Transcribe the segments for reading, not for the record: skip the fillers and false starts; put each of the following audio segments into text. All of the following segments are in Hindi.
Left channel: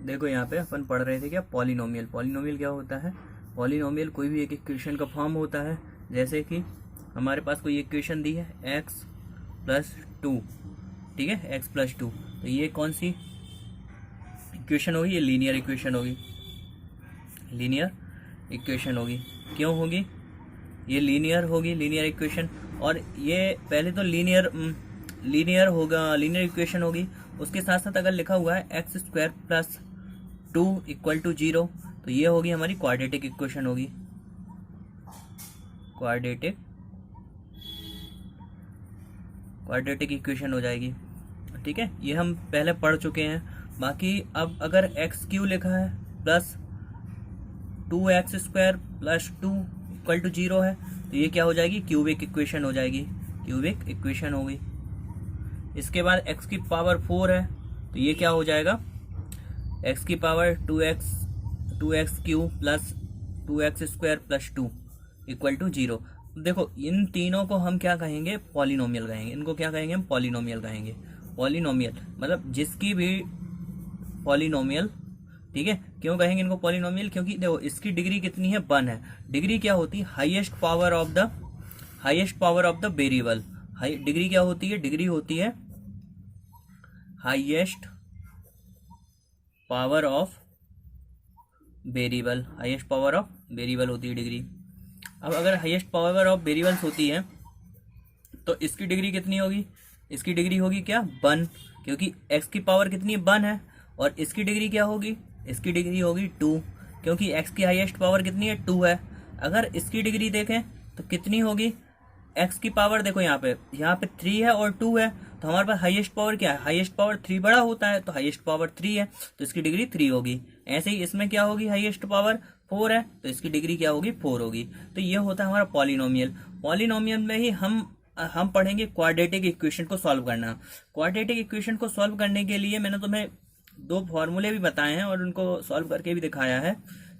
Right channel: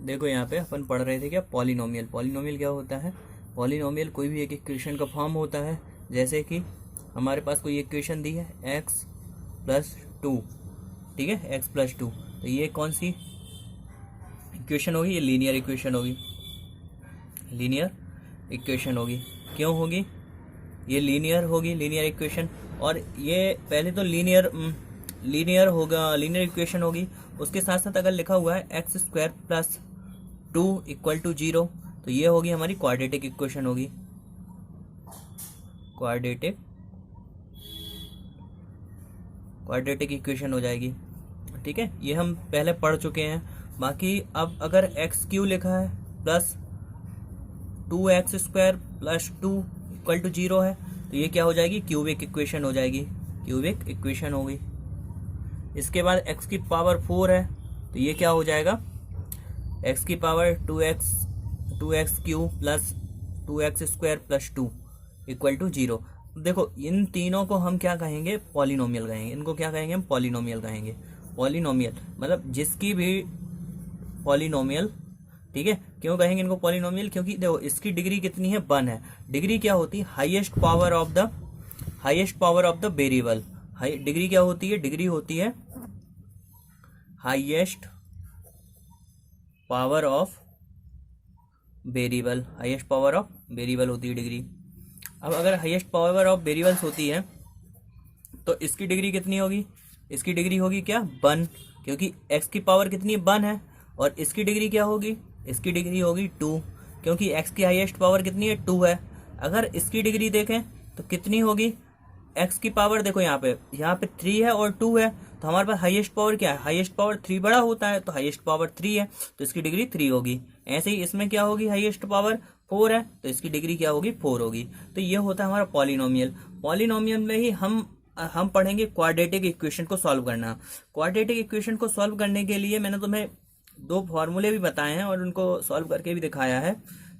देखो यहाँ पे अपन पढ़ रहे थे क्या, पॉलिनोमियल। पॉलिनोमियल क्या होता है? पॉलिनोमियल कोई भी एक इक्वेशन का फॉर्म होता है। जैसे कि हमारे पास कोई इक्वेशन दी है x+2, ठीक है, x+2, तो ये कौन सी इक्वेशन होगी? ये लीनियर इक्वेशन होगी। लीनियर इक्वेशन होगी। क्यों होगी? ये लीनियर होगी, लीनियर इक्वेशन। और ये पहले तो लीनियर होगा, लीनियर इक्वेशन होगी। उसके साथ साथ अगर लिखा हुआ है x² + 2 = 0, तो ये होगी हमारी क्वाड्रेटिक इक्वेशन होगी। क्वाड्रेटिक इक्वेशन हो जाएगी। ठीक है, ये हम पहले पढ़ चुके हैं। बाकी अब अगर x³ लिखा है प्लस 2x² + 2 = 0 है, तो ये क्या हो जाएगी? क्यूबिक इक्वेशन हो जाएगी। क्यूबिक इक्वेशन होगी। इसके बाद x⁴ है, तो ये क्या हो जाएगा? x⁴ 2x³ + 2x² + 2 = 0। देखो इन तीनों को हम क्या कहेंगे? पॉलिनोमियल कहेंगे। इनको क्या कहेंगे? हम पॉलिनोमियल कहेंगे। पॉलिनोमियल मतलब जिसकी भी पॉलिनोमियल, ठीक है। क्यों कहेंगे इनको पॉलिनोमियल? क्योंकि देखो इसकी डिग्री कितनी है? 1 है। डिग्री क्या होती है? Highest power of the variable. Degree क्या होती है? डिग्री होती है highest power of variable. Highest power of variable होती है डिग्री। अब अगर हाईएस्ट पावर ऑफ वेरिएबल्स होती है तो इसकी डिग्री कितनी होगी? इसकी डिग्री होगी क्या? 1, क्योंकि x की पावर कितनी है? 1 है। और इसकी डिग्री क्या होगी? इसकी डिग्री होगी 2, क्योंकि x की हाईएस्ट पावर कितनी है? 2 है। अगर इसकी डिग्री देखें तो कितनी होगी? x की पावर देखो यहाँ पे 3 है और 2 है, तो हमारे पास हाईएस्ट पावर क्या है? हाईएस्ट पावर 3 बड़ा होता है, तो हाईएस्ट पावर 3 है, तो इसकी डिग्री 3 होगी। ऐसे ही इसमें क्या होगी? हाईएस्ट पावर 4 है, तो इसकी डिग्री क्या होगी? 4 होगी। तो ये होता है हमारा पॉलिनोमियल। पॉलिनोमियल में ही हम पढ़ेंगे क्वाड्रेटिक इक्वेशन को सॉल्व करना। क्वाड्रेटिक इक्वेशन को सॉल्व करने के लिए मैंने तुम्हें 2 फॉर्मूले भी बताए हैं और उनको सॉल्व करके भी दिखाया है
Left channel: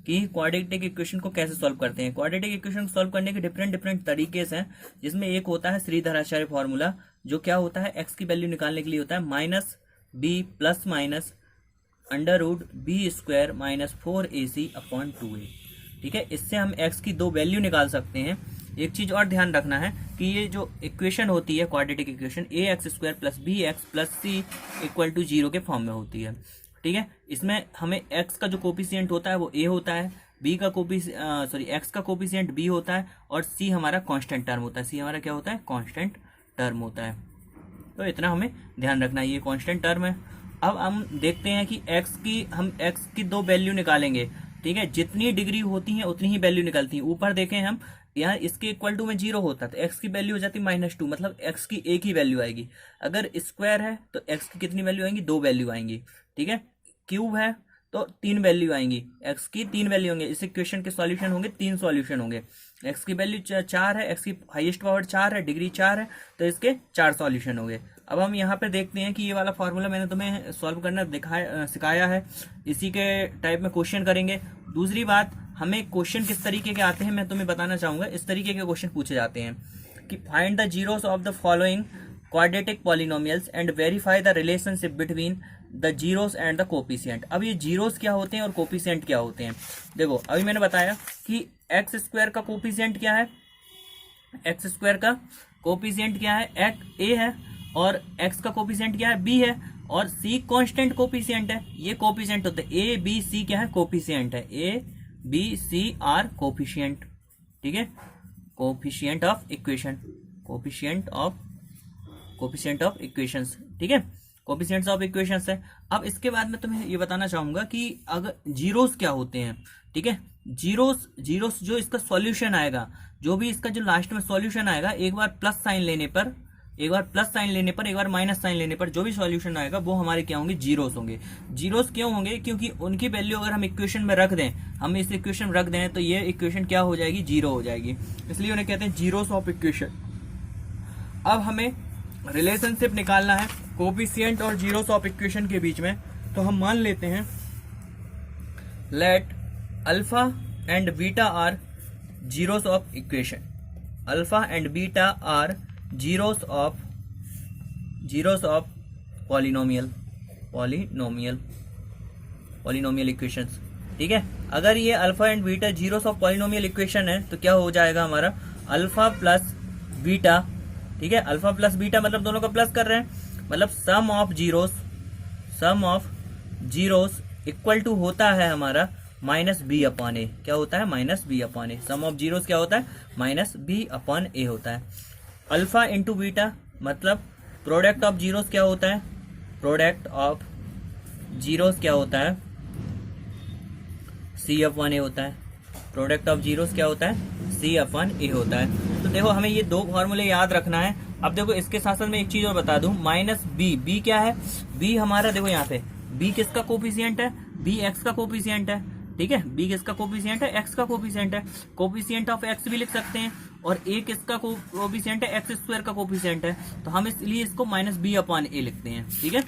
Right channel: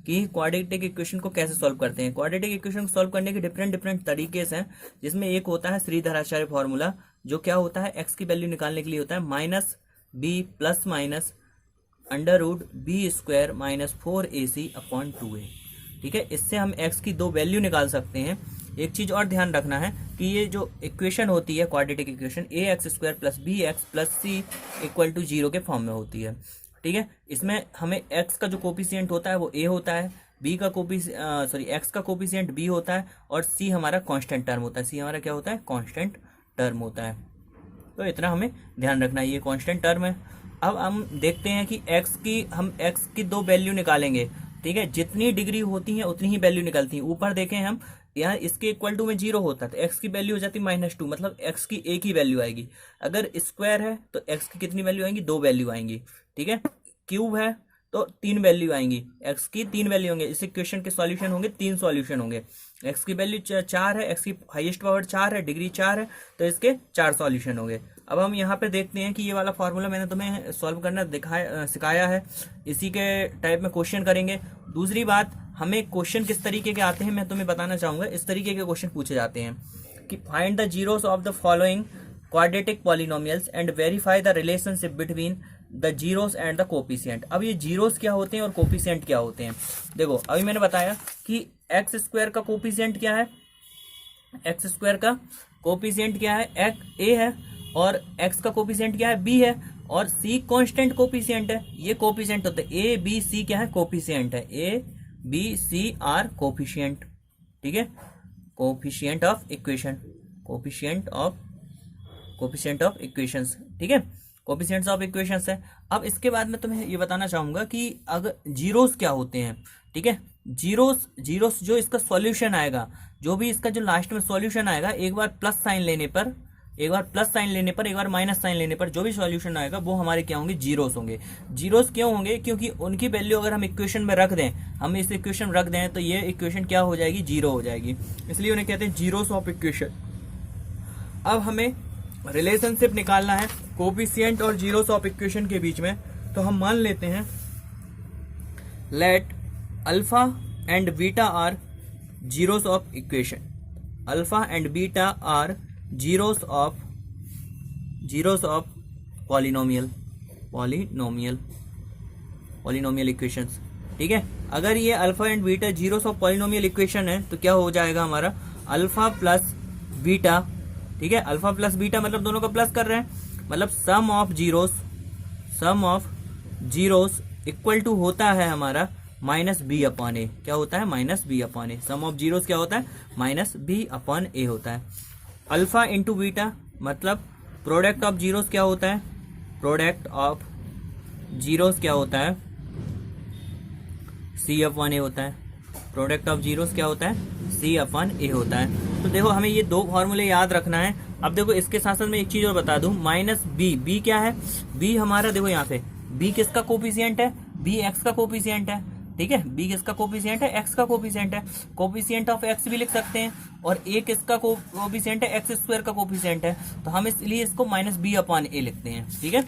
कि क्वाड्रेटिक इक्वेशन को कैसे सॉल्व करते हैं। क्वाड्रेटिक इक्वेशन को सॉल्व करने के डिफरेंट तरीके हैं, जिसमें एक होता है श्रीधराचार्य फॉर्मूला, जो क्या होता है? x की वैल्यू निकालने के लिए होता है -b ± √b² - 4ac/2a। ठीक है, इससे हम x की 2 वैल्यू निकाल सकते हैं। एक चीज और ध्यान रखना है कि ये जो इक्वेशन होती है quadratic equation, ax² + bx + c = 0 के फॉर्म में होती है। ठीक है, इसमें हमें x का जो कोफिशिएंट होता है वो a होता है, x का कोफिशिएंट b होता है, और c हमारा कांस्टेंट टर्म होता है। c हमारा क्या होता है? कांस्टेंट टर्म होता है। तो इतना हमें ध्यान रखना है, ये कांस्टेंट टर्म है। अब हम देखते हैं कि हम x की 2 वैल्यू निकालेंगे। ठीक है, जितनी डिग्री होती है उतनी ही वैल्यू निकलती है। ऊपर देखें हम, यहाँ इसके इक्वल टू में 0 होता है, तो x की वैल्यू हो जाती है -2, मतलब x की एक ही वैल्यू आएगी। अगर स्क्वायर है तो x की कितनी वैल्यू आएंगी? 2 वैल्यू आएंगी। ठीक है, क्यूब है तो 3 वैल्यू आएंगी, x की 3 वैल्यू होंगे। इस इक्वेशन के सॉल्यूशन होंगे 3 सॉल्यूशन होंगे। x की वैल्यू 4 है, x की हाईएस्ट पावर 4 है, डिग्री 4 है, तो इसके 4 सॉल्यूशन हो गए। अब हम यहाँ पे देखते हैं कि ये वाला फॉर्मूला मैंने तुम्हें सॉल्व करना सिखाया है, इसी के टाइप में क्वेश्चन करेंगे। दूसरी बात, हमें क्वेश्चन किस तरीके के आते हैं मैं तुम्हें बताना चाहूंगा। इस तरीके के क्वेश्चन पूछे जाते हैं कि find the zeros of the following quadratic polynomials and verify the relationship between the zeros and the coefficient. अब ये जीरोस क्या होते हैं और कोफिशिएंट क्या होते हैं? देखो अभी मैंने बताया कि x² का कोफिशिएंट क्या है? x² का कोफिशिएंट क्या है? a है, और x का कोफिशिएंट क्या है? b है, और c कांस्टेंट कोफिशिएंट है। ये कोफिशिएंट होते हैं, a b c क्या है? कोफिशिएंट है। a b c are coefficient. ठीक है, coefficient of equation, coefficient of equations. ठीक है, कोफिशिएंट्स ऑफ इक्वेशंस है। अब इसके बाद मैं तुम्हें ये बताना चाहूंगा कि अगर जीरोस क्या होते हैं। ठीक है, जीरोस जो इसका सॉल्यूशन आएगा, जो भी इसका जो लास्ट में सॉल्यूशन आएगा, एक बार प्लस साइन लेने पर, एक बार माइनस साइन लेने पर जो भी सॉल्यूशन आएगा वो हमारे क्या होंगे? जीरोस होंगे। जीरोस क्यों होंगे? क्योंकि उनकी वैल्यू अगर हम इक्वेशन में रख दें, हम इस इक्वेशन में रख दें, तो ये इक्वेशन क्या हो जाएगी? 0 हो जाएगी। इसलिए उन्हें कहते हैं जीरोस ऑफ इक्वेशन। अब हमें रिलेशनशिप निकालना है कोफिशिएंट और जीरोस ऑफ इक्वेशन के बीच में। तो हम मान लेते हैं let alpha and beta are zeros of equation. Alpha and beta are zeros of polynomial. Polynomial equations, ठीक है। अगर ये alpha and beta zeros of polynomial equation है तो क्या हो जाएगा हमारा अल्फा प्लस बीटा, ठीक है। अल्फा प्लस बीटा मतलब दोनों का प्लस कर रहे हैं, मतलब सम ऑफ जीरोस इक्वल टू होता है हमारा माइनस बी अपॉन ए। क्या होता है? Minus B upon A. Sum of zeros क्या होता है? माइनस बी अपॉन ए होता है। अल्फा इंटू बीटा मतलब प्रोडक्ट ऑफ जीरोस क्या होता है? प्रोडक्ट ऑफ जीरोस क्या होता है? सी अपॉन ए होता है। प्रोडक्ट ऑफ जीरोस क्या होता है? सी अपॉन ए होता है। तो देखो हमें ये दो फॉर्मूले याद रखना है। अब देखो इसके साथ साथ मैं एक चीज और बता दूं, माइनस बी, बी क्या है? बी हमारा देखो यहाँ पे बी किसका कोफिशिएंट है? बी एक्स का कोफिशिएंट है, ठीक है। बी किसका कोफिशिएंट है? एक्स का कोफिशिएंट है। कोफिशिएंट ऑफ एक्स भी लिख सकते हैं, और ए किसका कोफिशिएंट है? एक्स स्क्वायर का कोफिशिएंट है। तो हम इसलिए इसको माइनस बी अपॉन ए लिखते हैं, ठीक है।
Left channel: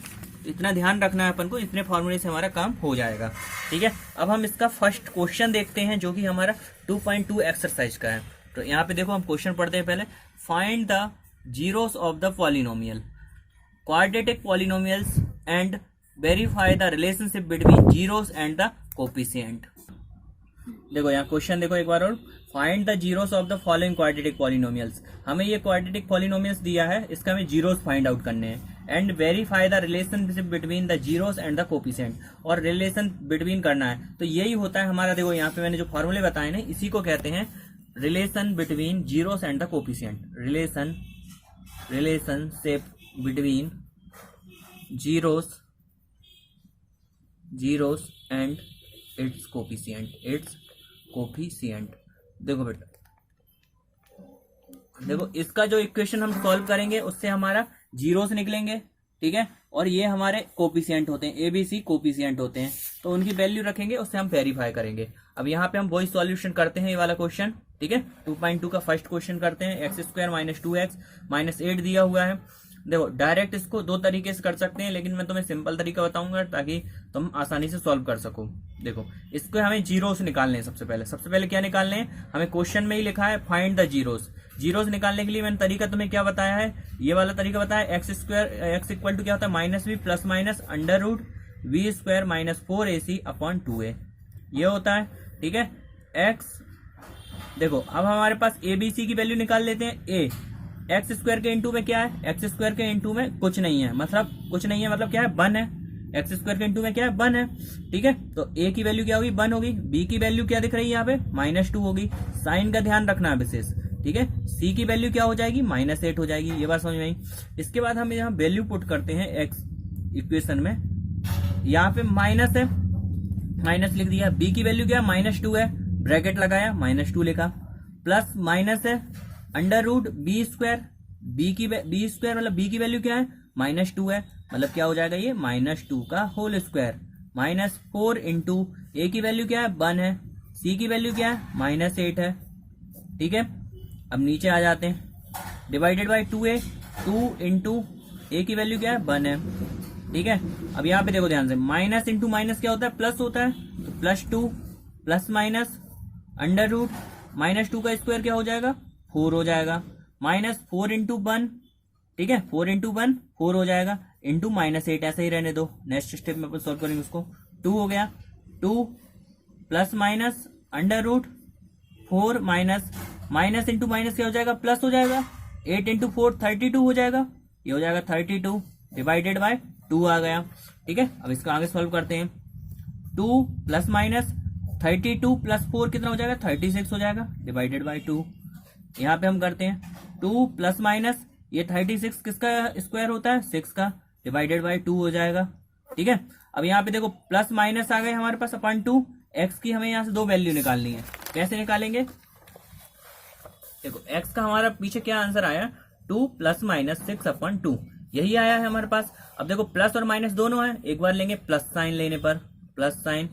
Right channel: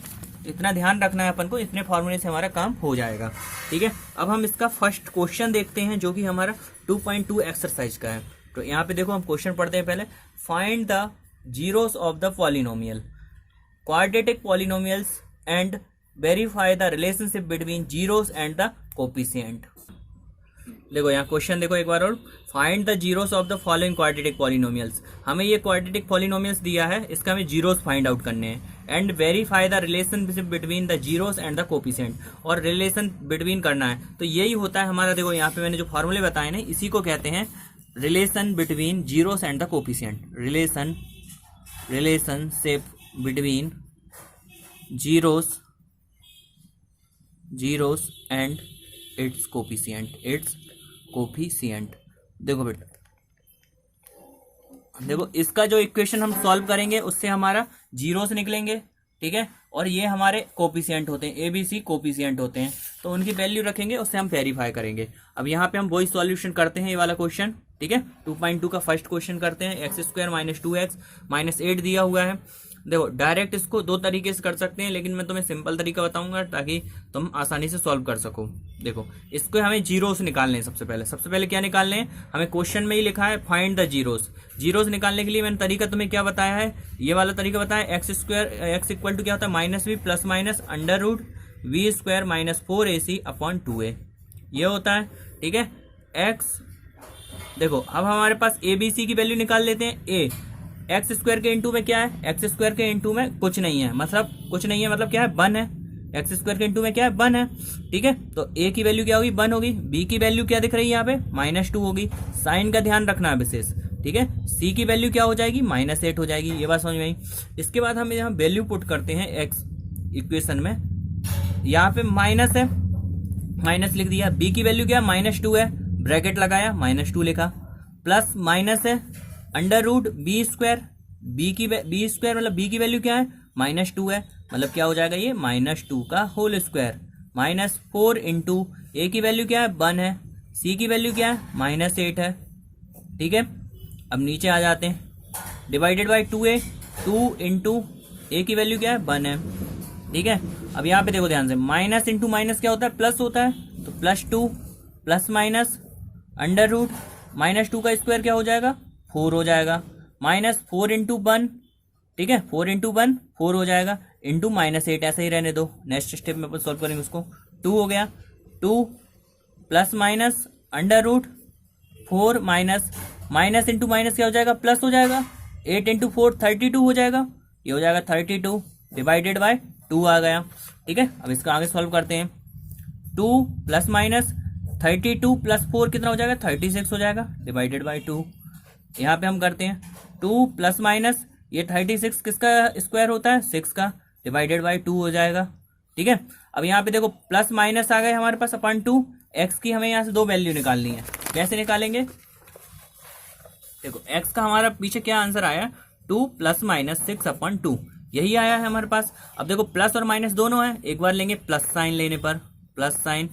इतना ध्यान रखना है अपन को, इतने फॉर्मूले से हमारा काम हो जाएगा, ठीक है। अब हम इसका फर्स्ट क्वेश्चन देखते हैं जो कि हमारा 2.2 एक्सरसाइज का है। तो यहाँ पे देखो हम क्वेश्चन पढ़ते हैं पहले। Find the zeros of the polynomial quadratic polynomials and verify the relationship between zeros and the coefficient. देखो यहाँ क्वेश्चन देखो एक बार और, find the zeros of the following quadratic polynomials. हमें ये क्वाड्रेटिक पॉलिनोमियल्स दिया है, इसका हमें जीरोस फाइंड आउट करने हैं। And verify the relationship between the zeros and the coefficient, और रिलेशन बिटवीन करना है। तो यही होता है हमारा, देखो यहाँ पे मैंने जो फॉर्मूले बताए ना, इसी को कहते हैं relation between zeros and the coefficient. Relationship between zeros and it's coefficient. देखो बेटा, देखो इसका जो इक्वेशन हम सॉल्व करेंगे उससे हमारा जीरोस निकलेंगे, ठीक है। और ये हमारे कोफिशिएंट होते हैं, ABC कोफिशिएंट होते हैं, तो उनकी वैल्यू रखेंगे, उससे हम वेरीफाई करेंगे। अब यहाँ पे हम वही सॉल्यूशन करते हैं, ये वाला क्वेश्चन, ठीक है। 2.2 का फर्स्ट क्वेश्चन करते हैं। X square minus 2x minus 8 दिया हुआ है। देखो डायरेक्ट इसको दो तरीके से कर सकते हैं, लेकिन मैं तुम्हें सिंपल तरीका बताऊंगा ताकि तुम आसानी से सॉल्व कर सको। देखो इसको हमें जीरोस निकालने हैं। सबसे पहले क्या निकालने हैं? हमें क्वेश्चन में ही लिखा है फाइंड द जीरोस निकालने के लिए मैंने तरीका तुम्हें क्या बताया है? ये वाला तरीका बताया। एक्स इक्वल टू क्या होता है? Minus B plus minus under root B square minus 4ac upon 2a, ये होता है, ठीक है। एक्स देखो अब हमारे पास ABC की वैल्यू निकाल लेते हैं। ए एक्स स्क्वायर के इंटू में क्या है? एक्स स्क्वायर के इंटू में कुछ नहीं है, मतलब क्या है? 1 है। एक्स स्क्वायर के इंटू में क्या है? 1 है, ठीक है। तो ए की वैल्यू क्या होगी? 1 होगी। बी की वैल्यू क्या दिख रही है यहाँ पे? -2 होगी। साइन का ध्यान रखना है विशेष, ठीक है। सी की वैल्यू क्या हो जाएगी? -8 हो जाएगी। ये बात समझ में आई। इसके बाद हम यहाँ वैल्यू पुट करते हैं एक्स इक्वेशन में। यहाँ पे माइनस है, माइनस लिख दिया। बी की वैल्यू क्या है? -2 है, ब्रैकेट लगाया, -2 लिखा। प्लस माइनस है under root B square, B square मतलब बी की वैल्यू क्या है? -2 है, मतलब क्या हो जाएगा ये? -2 का होल स्क्वायर -4 इंटू ए की वैल्यू क्या है? 1 है। सी की वैल्यू क्या है? -8 है, ठीक है। अब नीचे आ जाते हैं, डिवाइडेड बाई 2a, 2 इंटू ए की वैल्यू क्या है? 1 है, ठीक है। अब यहाँ पे देखो ध्यान से, माइनस इंटू माइनस क्या होता है? प्लस होता है, तो +2 प्लस माइनस अंडर रूट -2 का स्क्वायर क्या हो जाएगा? 4 हो जाएगा। -4 इंटू 1, ठीक है, 4 इंटू 1 4 हो जाएगा, इंटू -8 ऐसा ही रहने दो। नेक्स्ट स्टेप में अपन सोल्व करेंगे उसको। 2 हो गया, 2 plus minus under root 4 minus into minus क्या हो जाएगा? प्लस हो जाएगा। 8 इंटू 4 32 हो जाएगा, ये हो जाएगा 32 डिवाइडेड बाय 2 आ गया, ठीक है। अब इसका आगे सॉल्व करते हैं। 2 प्लस माइनस 32 प्लस 4 कितना हो जाएगा? 36 हो जाएगा, डिवाइडेड बाई 2। यहाँ पे हम करते हैं 2 प्लस माइनस, ये 36 किसका स्क्वायर होता है? 6 का, डिवाइडेड बाई 2 हो जाएगा, ठीक है। अब यहाँ पे देखो प्लस माइनस आ गए हमारे पास अपॉन 2। एक्स की हमें यहाँ से दो वैल्यू निकालनी है। कैसे निकालेंगे? देखो एक्स का हमारा पीछे क्या आंसर आया? 2 प्लस माइनस 6 अपॉन 2, यही आया है हमारे पास। अब देखो प्लस और माइनस दोनों है, एक बार लेंगे प्लस साइन, लेने पर plus sign,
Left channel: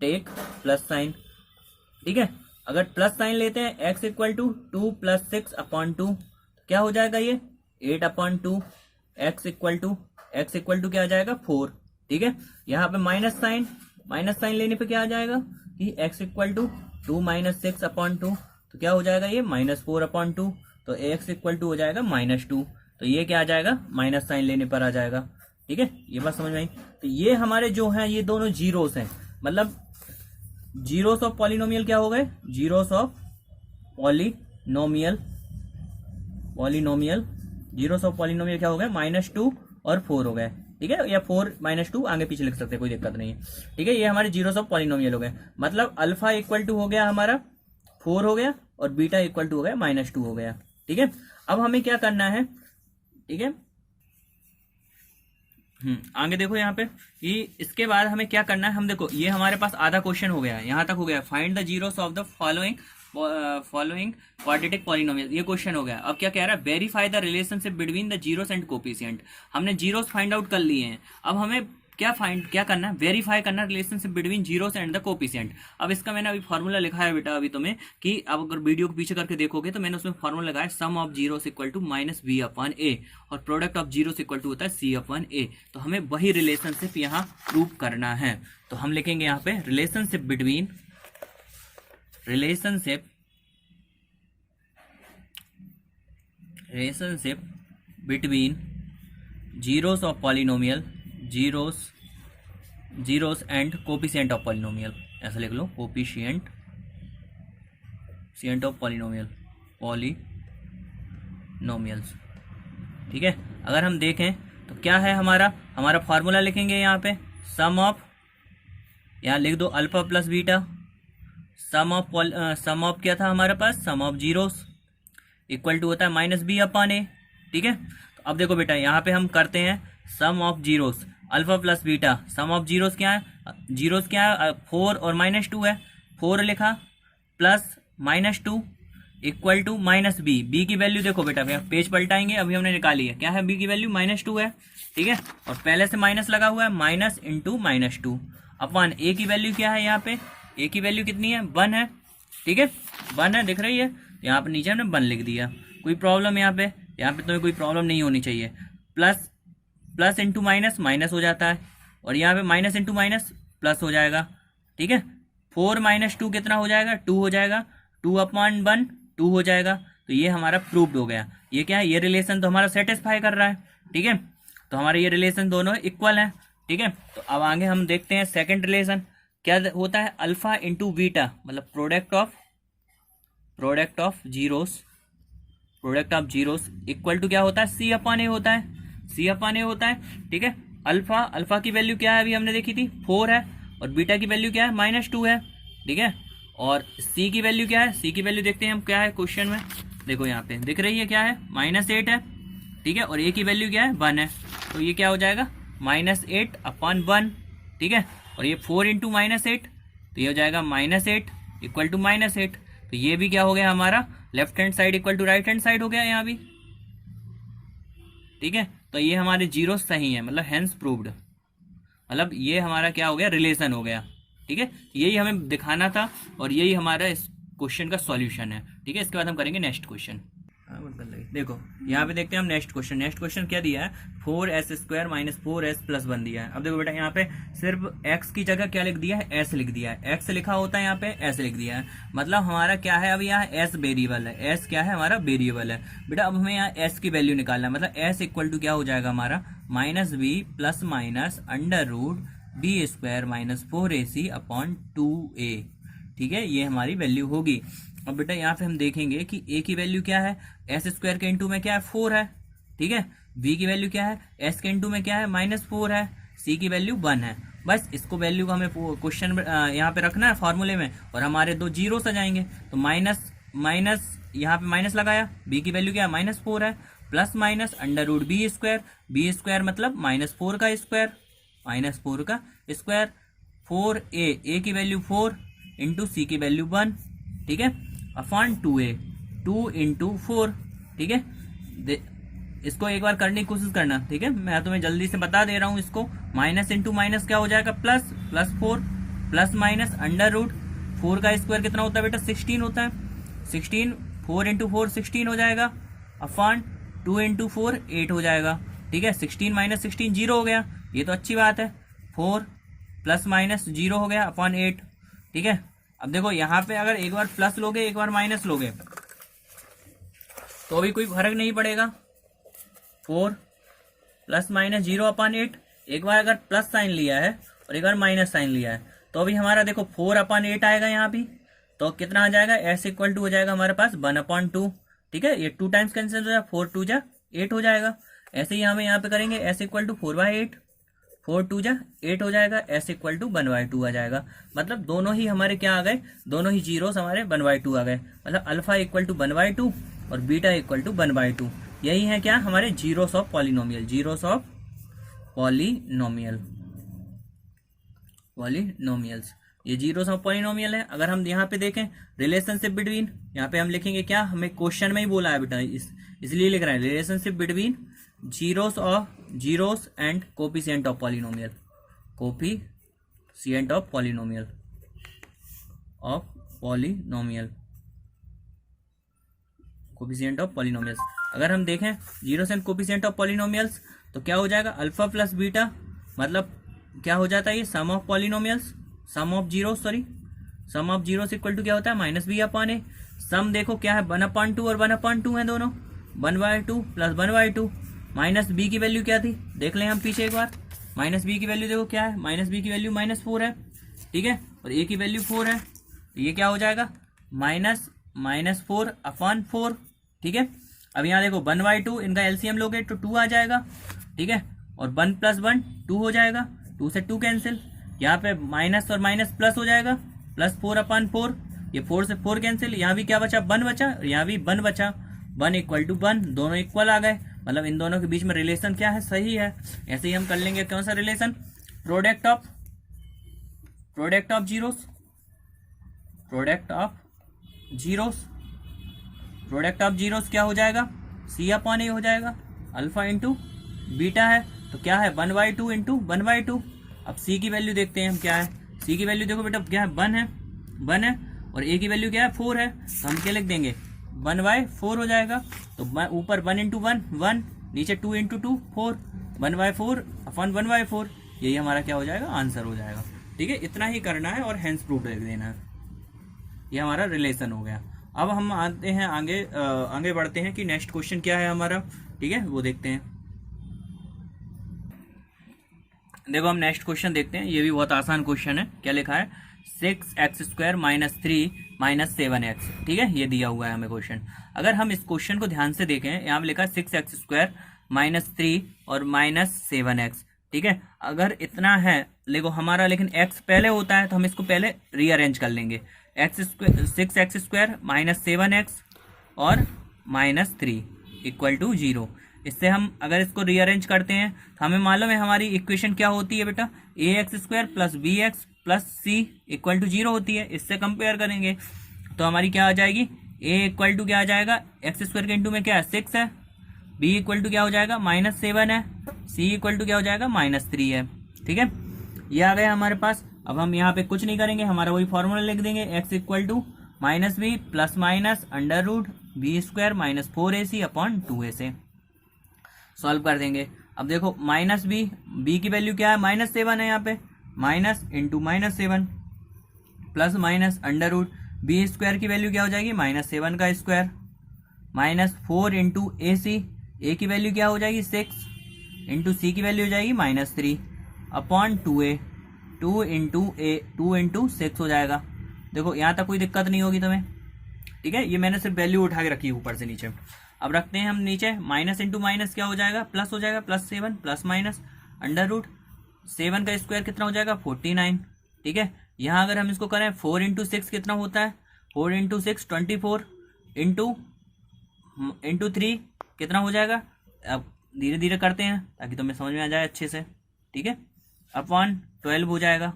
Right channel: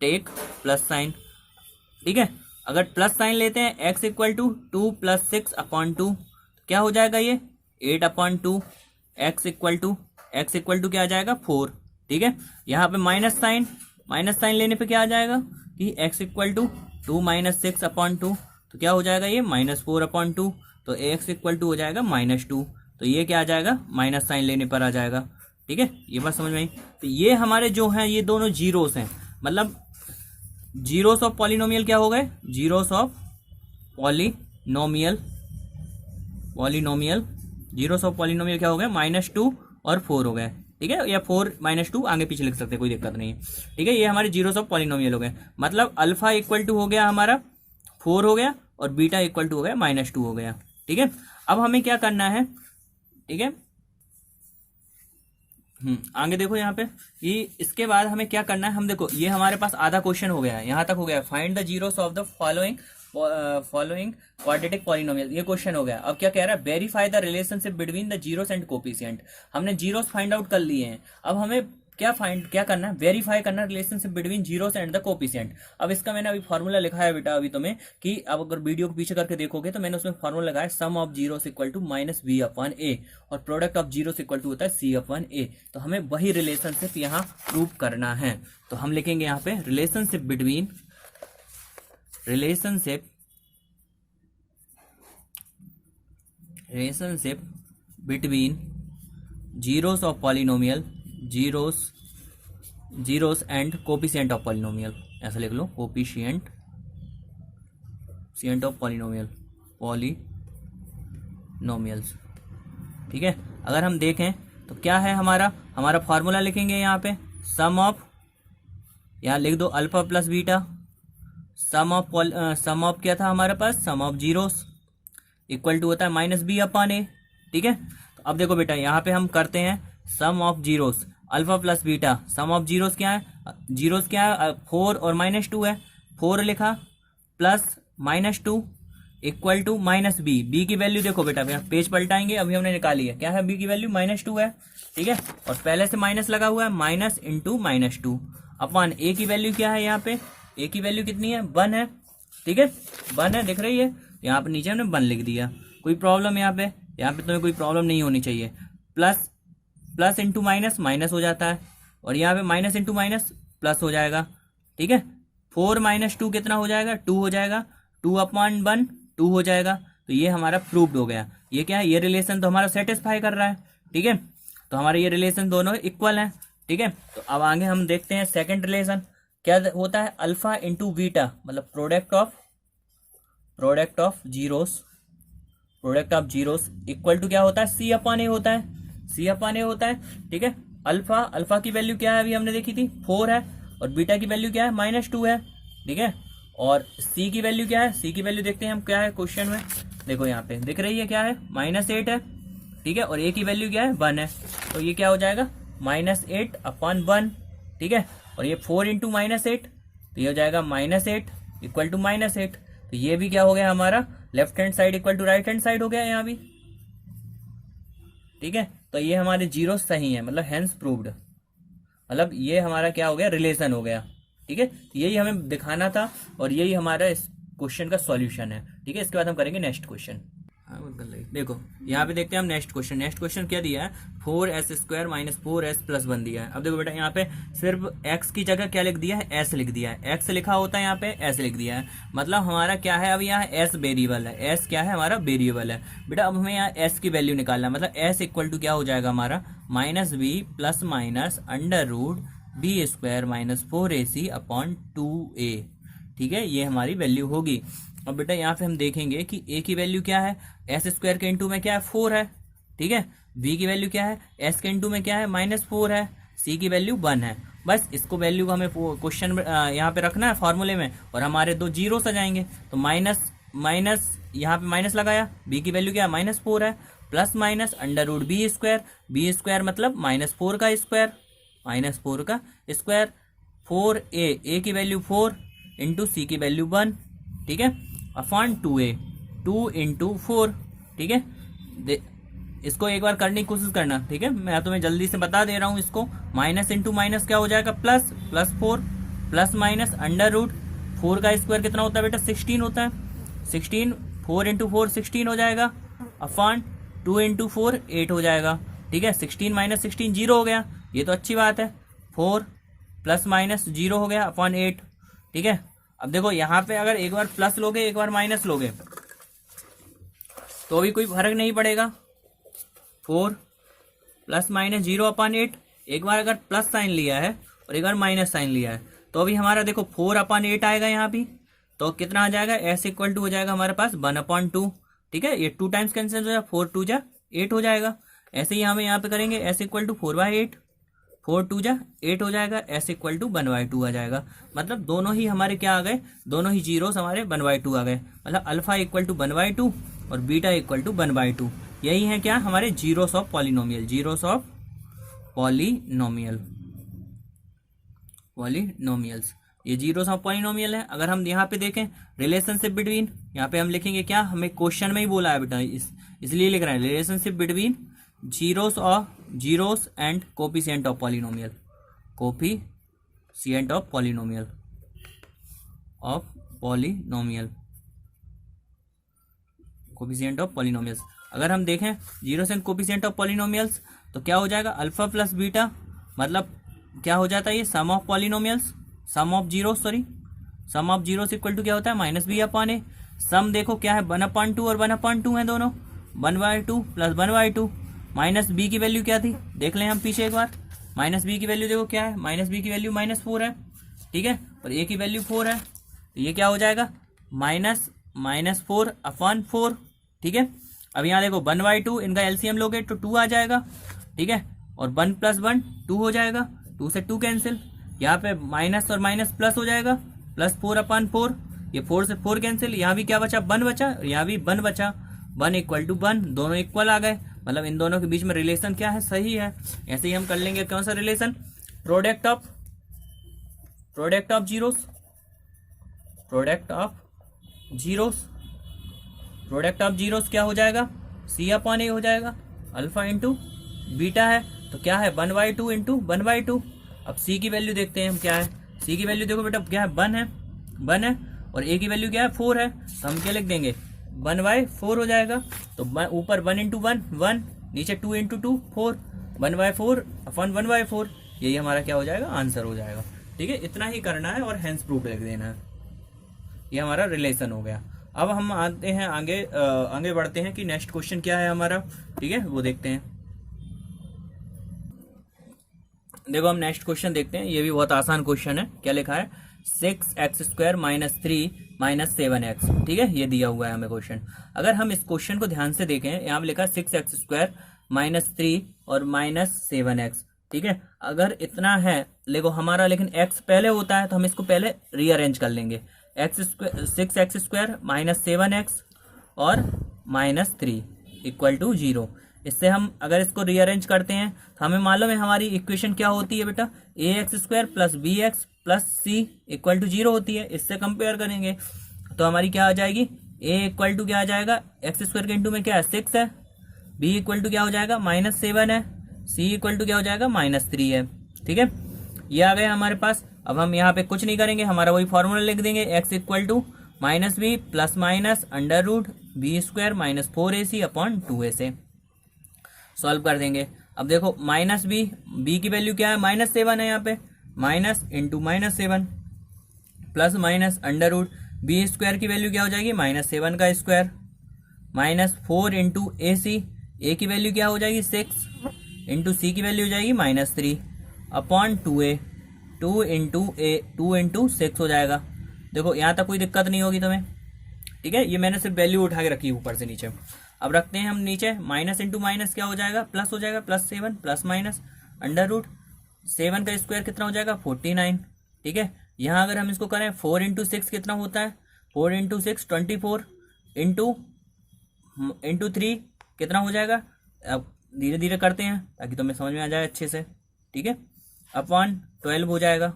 take plus sign, ठीक है। अगर प्लस साइन लेते हैं, x equal to 2 plus 6 upon 2, क्या हो जाएगा ये? 8 अपॉन 2। एक्स इक्वल टू क्या आ जाएगा? 4, ठीक है। यहाँ पे माइनस साइन लेने पे क्या आ जाएगा कि x equal to 2 minus 6 upon 2, तो क्या हो जाएगा ये? -4 अपॉन 2, तो एक्स इक्वल टू हो जाएगा -2। तो ये क्या आ जाएगा? माइनस साइन लेने पर आ जाएगा, ठीक है, ये बात समझ में आई। तो ये हमारे जो हैं ये दोनों जीरोस हैं, मतलब जीरोस ऑफ पॉलिनोमियल क्या हो गए, zeros of polynomial, zeros of polynomial क्या हो गए, -2 और 4 हो गए। ठीक है, या 4 -2 आगे पीछे लिख सकते हैं, कोई दिक्कत नहीं है। ठीक है, ये हमारे जीरोस ऑफ पॉलिनोमियल हो गए, मतलब अल्फा इक्वल टू हो गया हमारा 4 हो गया, और बीटा इक्वल टू हो गया -2 हो गया। ठीक है, अब हमें क्या करना है, ठीक है, आगे देखो यहाँ पे कि इसके बाद हमें क्या करना है। हम देखो ये हमारे पास आधा क्वेश्चन हो गया है, यहाँ तक हो गया, find the zeros of the following quadratic polynomial, ये क्वेश्चन हो गया। अब क्या कह रहा है, verify the relationship between the zeros and coefficient. हमने जीरोस फाइंड आउट कर लिए हैं, अब हमें क्या करना है, वेरीफाई करना relationship between zeros and the coefficient. अब इसका मैंने अभी फार्मूला लिखा है बेटा अभी तुम्हें, कि अब अगर वीडियो को पीछे करके देखोगे तो मैंने उसमें फार्मूला लगाया, sum of zeros equal to -b/a, और product of zeros equal to होता है c/a। तो हमें वही रिलेशनशिप यहाँ प्रूव करना है। तो हम लिखेंगे यहाँ पे relationship between zeros of polynomial, zeros and coefficient of polynomial, ऐसा लिख लो, कोफिशिएंट ऑफ पॉलिनोमियल्स। ठीक है, अगर हम देखें तो क्या है हमारा फार्मूला लिखेंगे यहाँ पे, सम ऑफ, यहाँ लिख दो alpha plus beta, sum of क्या था हमारे पास, sum of zeros equal to होता है -b/a। ठीक है, तो अब देखो बेटा यहाँ पे हम करते हैं sum of zeros, alpha plus beta, sum of zeros क्या है, 4 और -2 है, 4 लिखा plus -2 equal to -b। B की वैल्यू देखो बेटा, पेज पलटाएंगे, अभी हमने निकाली है, क्या है बी की वैल्यू -2 है। ठीक है, और पहले से माइनस लगा हुआ है, माइनस इंटू -2 अपन ए की वैल्यू क्या है, यहाँ पे ए की वैल्यू कितनी है, 1 है। ठीक है, 1 है, दिख रही है, यहाँ पे नीचे हमने 1 लिख दिया। कोई प्रॉब्लम यहाँ पे तुम्हें कोई प्रॉब्लम नहीं होनी चाहिए। प्लस इंटू माइनस हो जाता है, और यहाँ पे माइनस इंटू माइनस प्लस हो जाएगा। ठीक है, 4 - 2 कितना हो जाएगा, 2 हो जाएगा, 2/1 2 हो जाएगा। तो ये हमारा प्रूव्ड हो गया। ये क्या है, ये रिलेशन तो हमारा सेटिस्फाई कर रहा है। ठीक है, तो हमारे ये रिलेशन दोनों इक्वल है। ठीक है, तो अब आगे हम देखते हैं सेकंड रिलेशन क्या होता है, अल्फा इंटू बीटा, मतलब product of zeros equal to क्या होता है, c/a होता है, ठीक है, अल्फा की वैल्यू क्या है, अभी हमने देखी थी 4 है, और बीटा की वैल्यू क्या है, -2 है। ठीक है, और c की वैल्यु क्या है, c की वैल्यू देखते हैं हम क्या है क्वेश्चन में, देखो यहाँ पे दिख रही है क्या है, -8 है। ठीक है, और a की वैल्यू क्या है, 1 है, तो ये क्या हो जाएगा, -8/1। ठीक है, और ये 4 इंटू -8, तो ये हो जाएगा -8 इक्वल टू -8। तो ये भी क्या हो गया हमारा, left hand side equal to right hand side हो गया यहाँ भी। ठीक है, तो ये हमारे जीरो सही है, मतलब हेंस प्रूव्ड, मतलब ये हमारा क्या हो गया, रिलेशन हो गया। ठीक है, यही हमें दिखाना था, और यही हमारा इस क्वेश्चन का सॉल्यूशन है। ठीक है, इसके बाद हम करेंगे नेक्स्ट क्वेश्चन। देखो यहाँ पे देखते हैं हम नेक्स्ट क्वेश्चन क्या दिया है, 4s² - 4s + 1 दिया है। अब देखो बेटा यहाँ पे सिर्फ x की जगह क्या लिख दिया है, s लिख दिया है, x लिखा होता है यहाँ पे s लिख दिया है, मतलब हमारा क्या है, अब यहाँ s वेरिएबल है, s क्या है हमारा वेरिएबल है बेटा। अब हमें यहाँ s की वैल्यू निकालना है, मतलब s इक्वल टू क्या हो जाएगा हमारा, -b + √b² - 4ac/2a। ठीक है, ये हमारी वैल्यू होगी। अब बेटा यहाँ पे हम देखेंगे कि a की वैल्यू क्या है, s² के इंटू में क्या है, 4 है। ठीक है, b की वैल्यू क्या है, s के इंटू में क्या है, -4 है, c की वैल्यू 1 है। बस इसको वैल्यू को हमें क्वेश्चन यहाँ पे रखना है फॉर्मूले में, और हमारे दो जीरो आ जाएंगे। तो माइनस यहाँ पे माइनस लगाया, b की वैल्यू क्या है, -4 है, प्लस माइनस √b², b² मतलब -4 का स्क्वायर, 4a की वैल्यू 4 इंटू c की वैल्यू 1। ठीक है, अपॉन 2a, 2 इंटू 4। ठीक है, इसको एक बार करने की कोशिश करना। ठीक है, मैं तुम्हें जल्दी से बता दे रहा हूं इसको, माइनस इंटू माइनस क्या हो जाएगा, प्लस 4 प्लस माइनस √4 का स्क्वायर कितना होता है बेटा, 16 होता है, 16, 4 इंटू 4 16 हो जाएगा, अपॉन 2 इंटू 4 8 हो जाएगा। ठीक है, 16 - 16 0 हो गया, ये तो अच्छी बात है, 4 प्लस माइनस 0 हो गया अपॉन 8। ठीक है, अब देखो यहाँ पे अगर एक बार प्लस लोगे एक बार माइनस लोगे तो भी कोई फर्क नहीं पड़ेगा, 4 प्लस माइनस 0/8। एक बार अगर प्लस साइन लिया है और एक बार माइनस साइन लिया है तो अभी हमारा देखो 4/8 आएगा यहाँ भी, तो कितना आ जाएगा, s इक्वल टू हो जाएगा हमारे पास 1/2। ठीक है, ये 2 टाइम्स कैंसिल हो जाएगा, 4 2 जा 8 हो जाएगा। ऐसे ही हमें यहाँ पे करेंगे s इक्वल टू 4/8, 4 2 जा 8 हो जाएगा, s इक्वल टू 1/2 आ जाएगा। मतलब दोनों ही हमारे क्या आ गए, दोनों ही जीरोस हमारे 1/2 आ गए। मतलब अल्फा इक्वल टू 1/2 और बीटा इक्वल टू 1/2। यही है क्या, हमारे zeros of polynomial, zeros of polynomials, ये जीरोस ऑफ पॉलिनोमियल है। अगर हम यहाँ पे देखें रिलेशनशिप बिटवीन, यहाँ पे हम लिखेंगे क्या, हमें क्वेश्चन में ही बोला है बेटा, इसलिए लिख रहे हैं relationship between zeros and coefficient of polynomial, coefficient of polynomial coefficient of polynomials. अगर हम देखें zeros and coefficient of polynomials तो क्या हो जाएगा, अल्फा प्लस बीटा, मतलब क्या हो जाता है ये sum of polynomials, sum of zeros equal to क्या होता है, -b/a। सम देखो क्या है, 1/2 और 1/2 है दोनों, 1/2 प्लस 1/2। माइनस बी की वैल्यू क्या थी, देख लें हम पीछे एक बार। माइनस बी की वैल्यू देखो क्या है, माइनस बी की वैल्यू -4 है। ठीक है, और ए की वैल्यू 4 है, तो ये क्या हो जाएगा, -4/4। ठीक है, अब यहाँ देखो 1/2, इनका एलसीएम लोगे तो 2 आ जाएगा। ठीक है, और 1 + 1 2 हो जाएगा, 2 से 2 कैंसिल, यहाँ पे माइनस और माइनस प्लस हो जाएगा, +4/4, ये 4 से 4 कैंसिल, यहाँ भी क्या बचा, 1 बचा, और यहाँ भी 1 बचा, 1 = 1, दोनों इक्वल आ गए। मतलब इन दोनों के बीच में रिलेशन क्या है, सही है। ऐसे ही हम कर लेंगे कौन सा relation, product of zeros, product of zeros क्या हो जाएगा, c/a हो जाएगा, अल्फा इंटू बीटा है, तो क्या है 1/2 इंटू 1/2। अब c की वैल्यू देखते हैं हम क्या है, c की वैल्यू देखो बेटा क्या है, 1 है, और a की वैल्यू क्या है, 4 है, तो हम क्या लिख देंगे, 1/4 हो जाएगा। तो ऊपर 1 × 1 1, नीचे 2 × 2 4, 1/4/1/4, यही हमारा क्या हो जाएगा, आंसर हो जाएगा। ठीक है, इतना ही करना है और हेंस प्रूफ लिख देना है, ये हमारा रिलेशन हो गया। अब हम आते हैं आगे बढ़ते हैं कि नेक्स्ट क्वेश्चन क्या है हमारा। ठीक है, वो देखते हैं। देखो हम नेक्स्ट क्वेश्चन देखते हैं, ये भी बहुत आसान क्वेश्चन है। क्या लिखा है, 6x² - 3 - 7x। ठीक है, ये दिया हुआ है हमें क्वेश्चन। अगर हम इस क्वेश्चन को ध्यान से देखें, यहाँ पे लिखा है 6x² - 3 और -7x। ठीक है, अगर इतना है देखो हमारा, लेकिन x पहले होता है तो हम इसको पहले रीअरेंज कर लेंगे, 6x² - 7x और -3 = 0। इससे हम अगर इसको रीअरेंज करते हैं तो हमें मालूम है हमारी इक्वेशन क्या होती है बेटा, ax² + bx + c = 0 होती है। इससे कंपेयर करेंगे तो हमारी क्या आ जाएगी, a = क्या आ जाएगा, x² के इंटू में क्या है 6 है, b = क्या हो जाएगा -7 है, c = क्या हो जाएगा -3 है। ठीक है, ये आ गया हमारे पास। अब हम यहाँ पे कुछ नहीं करेंगे, हमारा वही फॉर्मूला लिख देंगे, x = -b ± √b² - 4ac/2a। Solve कर देंगे। अब देखो -b की वैल्यू क्या है, -7 है, यहाँ पे minus into -7 plus minus √b² की वैल्यू क्या हो जाएगी, -7 का स्क्वायर -4 इंटू ए की वैल्यू क्या हो जाएगी 6 इंटू सी की वैल्यू हो जाएगी -3/2a, 2 इंटू 6 हो जाएगा। देखो यहाँ तक कोई दिक्कत नहीं होगी तुम्हें। ठीक है, ये मैंने सिर्फ वैल्यू उठा के रखी है ऊपर से नीचे। अब रखते हैं हम नीचे, माइनस इंटू माइनस क्या हो जाएगा, प्लस हो जाएगा, +7 प्लस माइनस √7 का स्क्वायर कितना हो जाएगा 49। ठीक है, यहाँ अगर हम इसको करें 4 इंटू 6 कितना होता है, 4 इंटू 6 24 इंटू 3 कितना हो जाएगा। अब धीरे धीरे करते हैं ताकि तुम्हें समझ में आ जाए अच्छे से। ठीक है, अपॉन 12 हो जाएगा।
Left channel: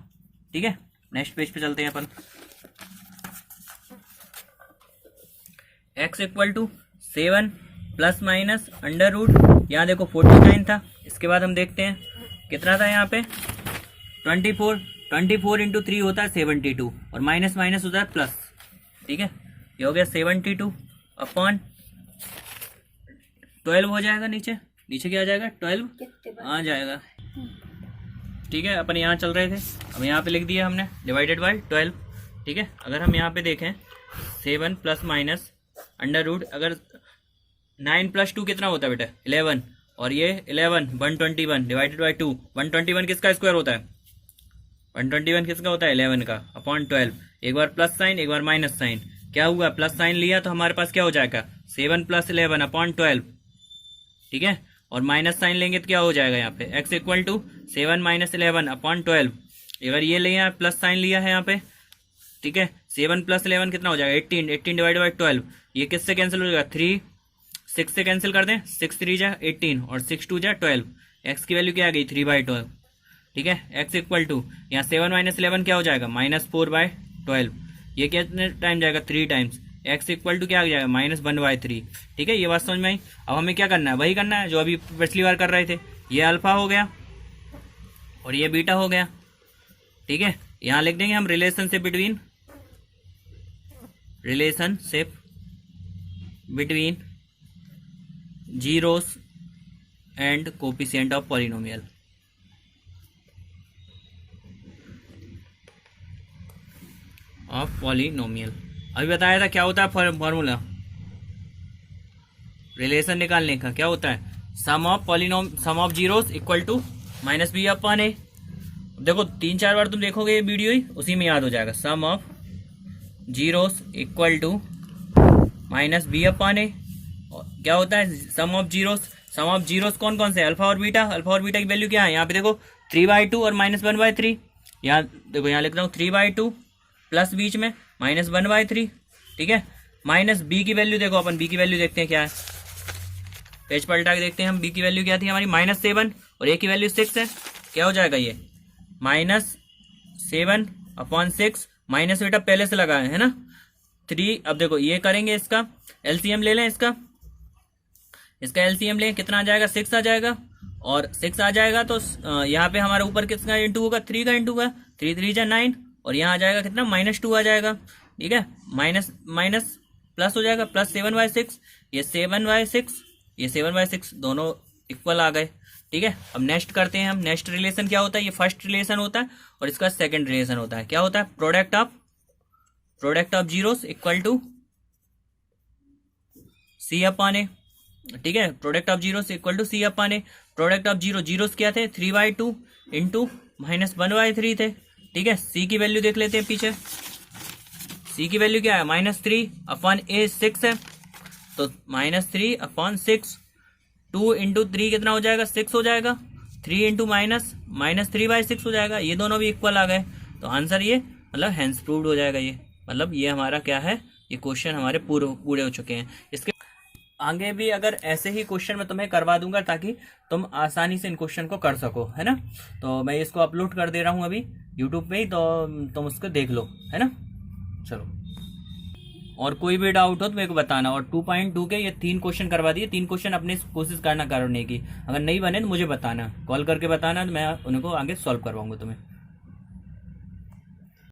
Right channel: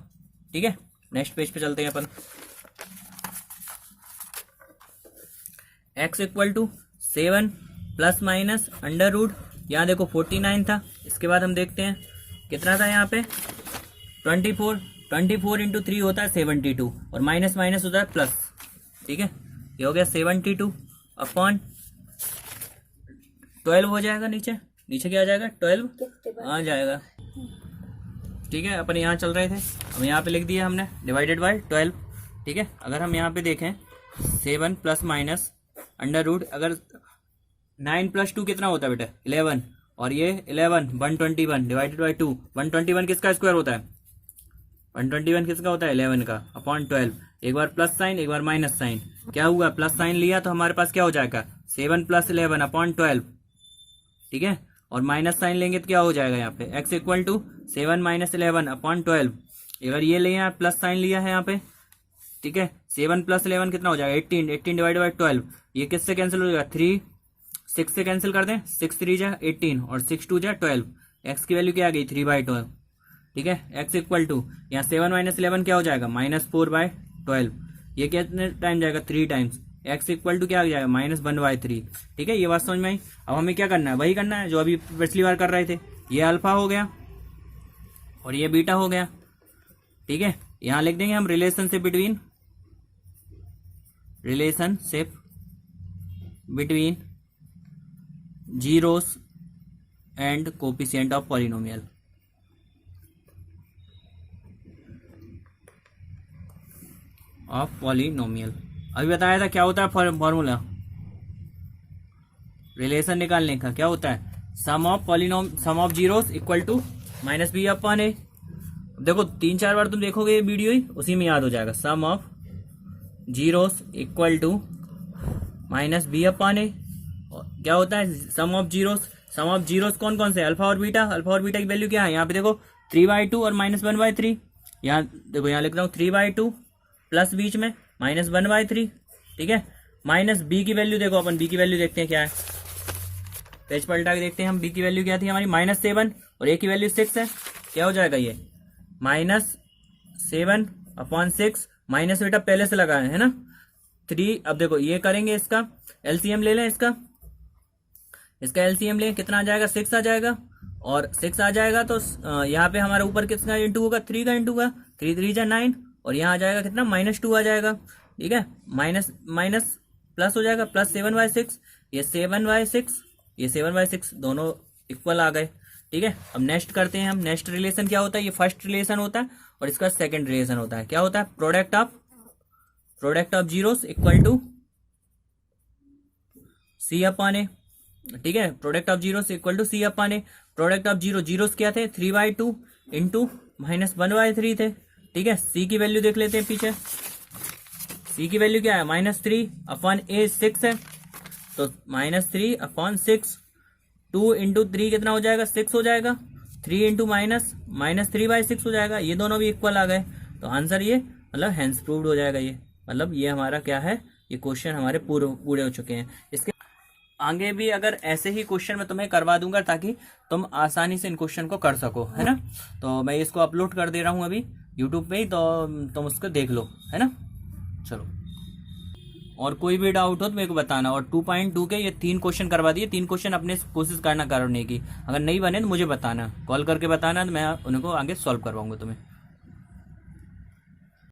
ठीक है, नेक्स्ट पेज पे चलते हैं अपन। x = 7 प्लस माइनस √ यहाँ देखो 49 था, इसके बाद हम देखते हैं कितना था यहाँ पे 24 इंटू 3 होता है 72 और माइनस माइनस होता है प्लस। ठीक है, ये हो गया 72 अपॉन 12 हो जाएगा, नीचे क्या आ जाएगा 12 आ जाएगा। ठीक है, अपन यहाँ चल रहे थे, हम यहाँ पे लिख दिया हमने डिवाइडेड बाय 12। ठीक है, अगर हम यहाँ पे देखें 7 प्लस माइनस √ अगर 9 + 2 कितना होता है बेटा 11 और ये 11 121 डिवाइडेड बाई 2। 121 किसका स्क्वायर होता है? 121 किसका होता है? 11 का अपॉन 12। एक बार प्लस साइन एक बार माइनस साइन, क्या हुआ? प्लस साइन लिया तो हमारे पास क्या हो जाएगा? 7 + 11 अपॉन 12, ठीक है। और माइनस साइन लेंगे तो क्या हो जाएगा यहाँ पे? x equal to 7 - 11 upon 12। अगर ये लिया प्लस साइन लिया है यहाँ पे, ठीक है। 7 + 11 कितना हो जाएगा? 18। 18 डिवाइड बाई 12, ये किससे कैंसिल हो जाएगा? 3 6 से कैंसिल कर दें। 6 3 जा 18 और 6 2 जा 12। एक्स की वैल्यू क्या आ गई? 3/12, ठीक है। एक्स इक्वल टू यहाँ 7 - 11 क्या हो जाएगा? -4/12। ये कितने टाइम जाएगा? 3 टाइम्स। एक्स इक्वल टू क्या आ जाएगा? -1/3, ठीक है। ये बात समझ में आई। अब हमें क्या करना है? वही करना है जो अभी पिछली बार कर रहे थे। ये अल्फा हो गया और ये बीटा हो गया, ठीक है। यहाँ लिख देंगे हम relationship between zeros and coefficient of polynomial. अभी बताया था क्या होता है फॉर्मूला रिलेशन निकालने का? क्या होता है? Sum of zeros equal to -b/a। देखो 3-4 बार तुम देखोगे ये वीडियो ही, उसी में याद हो जाएगा। Sum of zeros equal to -b/a। क्या होता है सम ऑफ जीरोस? कौन कौन से? अल्फा और बीटा। अल्फा और बीटा की वैल्यू क्या है? यहाँ पे देखो 3/2 और -1/3। यहाँ देखो, यहाँ लिख रहा हूँ 3/2 प्लस बीच में -1/3, ठीक है। माइनस बी की वैल्यू देखो, अपन बी की वैल्यू देखते हैं क्या है। पेज पलटा के देखते हैं हम। बी की वैल्यू क्या थी हमारी? -7 और ए की वैल्यू 6 है। क्या हो जाएगा ये? -7/6 माइनस बेटा पहले से लगा है ना 3। अब देखो ये करेंगे, इसका एलसीएम ले लें। इसका एलसीएम लें, कितना आ जाएगा? 6 आ जाएगा। और 6 आ जाएगा तो यहाँ पे हमारे ऊपर किसका इंटू होगा? 3 का इंटू होगा। 3 3 जा 9 और यहाँ आ जाएगा कितना? -2 आ जाएगा, ठीक है। माइनस प्लस हो जाएगा, प्लस 7/6। ये 7/6 दोनों इक्वल आ गए, ठीक है। अब नेक्स्ट करते हैं हम। नेक्स्ट रिलेशन क्या होता है? ये फर्स्ट रिलेशन होता है और इसका सेकंड रिलेशन होता है। क्या होता है? Product of zeros equal to C/A, ठीक है। Product of zeros equal to C/A। Product of zeros क्या थे? 3/2 इंटू -1/3 थे, ठीक है। सी की वैल्यू देख लेते हैं पीछे। सी की वैल्यू क्या है? -3/a 6 है, तो -3/6। 2 इंटू 3 कितना हो जाएगा? 6 हो जाएगा। 3 इंटू -3/6 हो जाएगा। ये दोनों भी इक्वल आ गए, तो आंसर ये मतलब हेंस प्रूव्ड हो जाएगा। ये मतलब ये हमारा क्या है? ये क्वेश्चन हमारे पूरे हो चुके हैं। इसके आगे भी अगर ऐसे ही क्वेश्चन मैं तुम्हें करवा दूंगा ताकि तुम आसानी से इन क्वेश्चन को कर सको, है ना। तो मैं इसको अपलोड कर दे रहा हूँ अभी यूट्यूब पे ही, तो तुम उसको देख लो, है ना। चलो, और कोई भी डाउट हो तो मेरे को बताना। और 2.2 के ये 3 क्वेश्चन करवा दिए। 3 क्वेश्चन अपने कोशिश करना करने की। अगर नहीं बने तो मुझे बताना, कॉल करके बताना, तो मैं उनको आगे सॉल्व करवाऊंगा तुम्हें।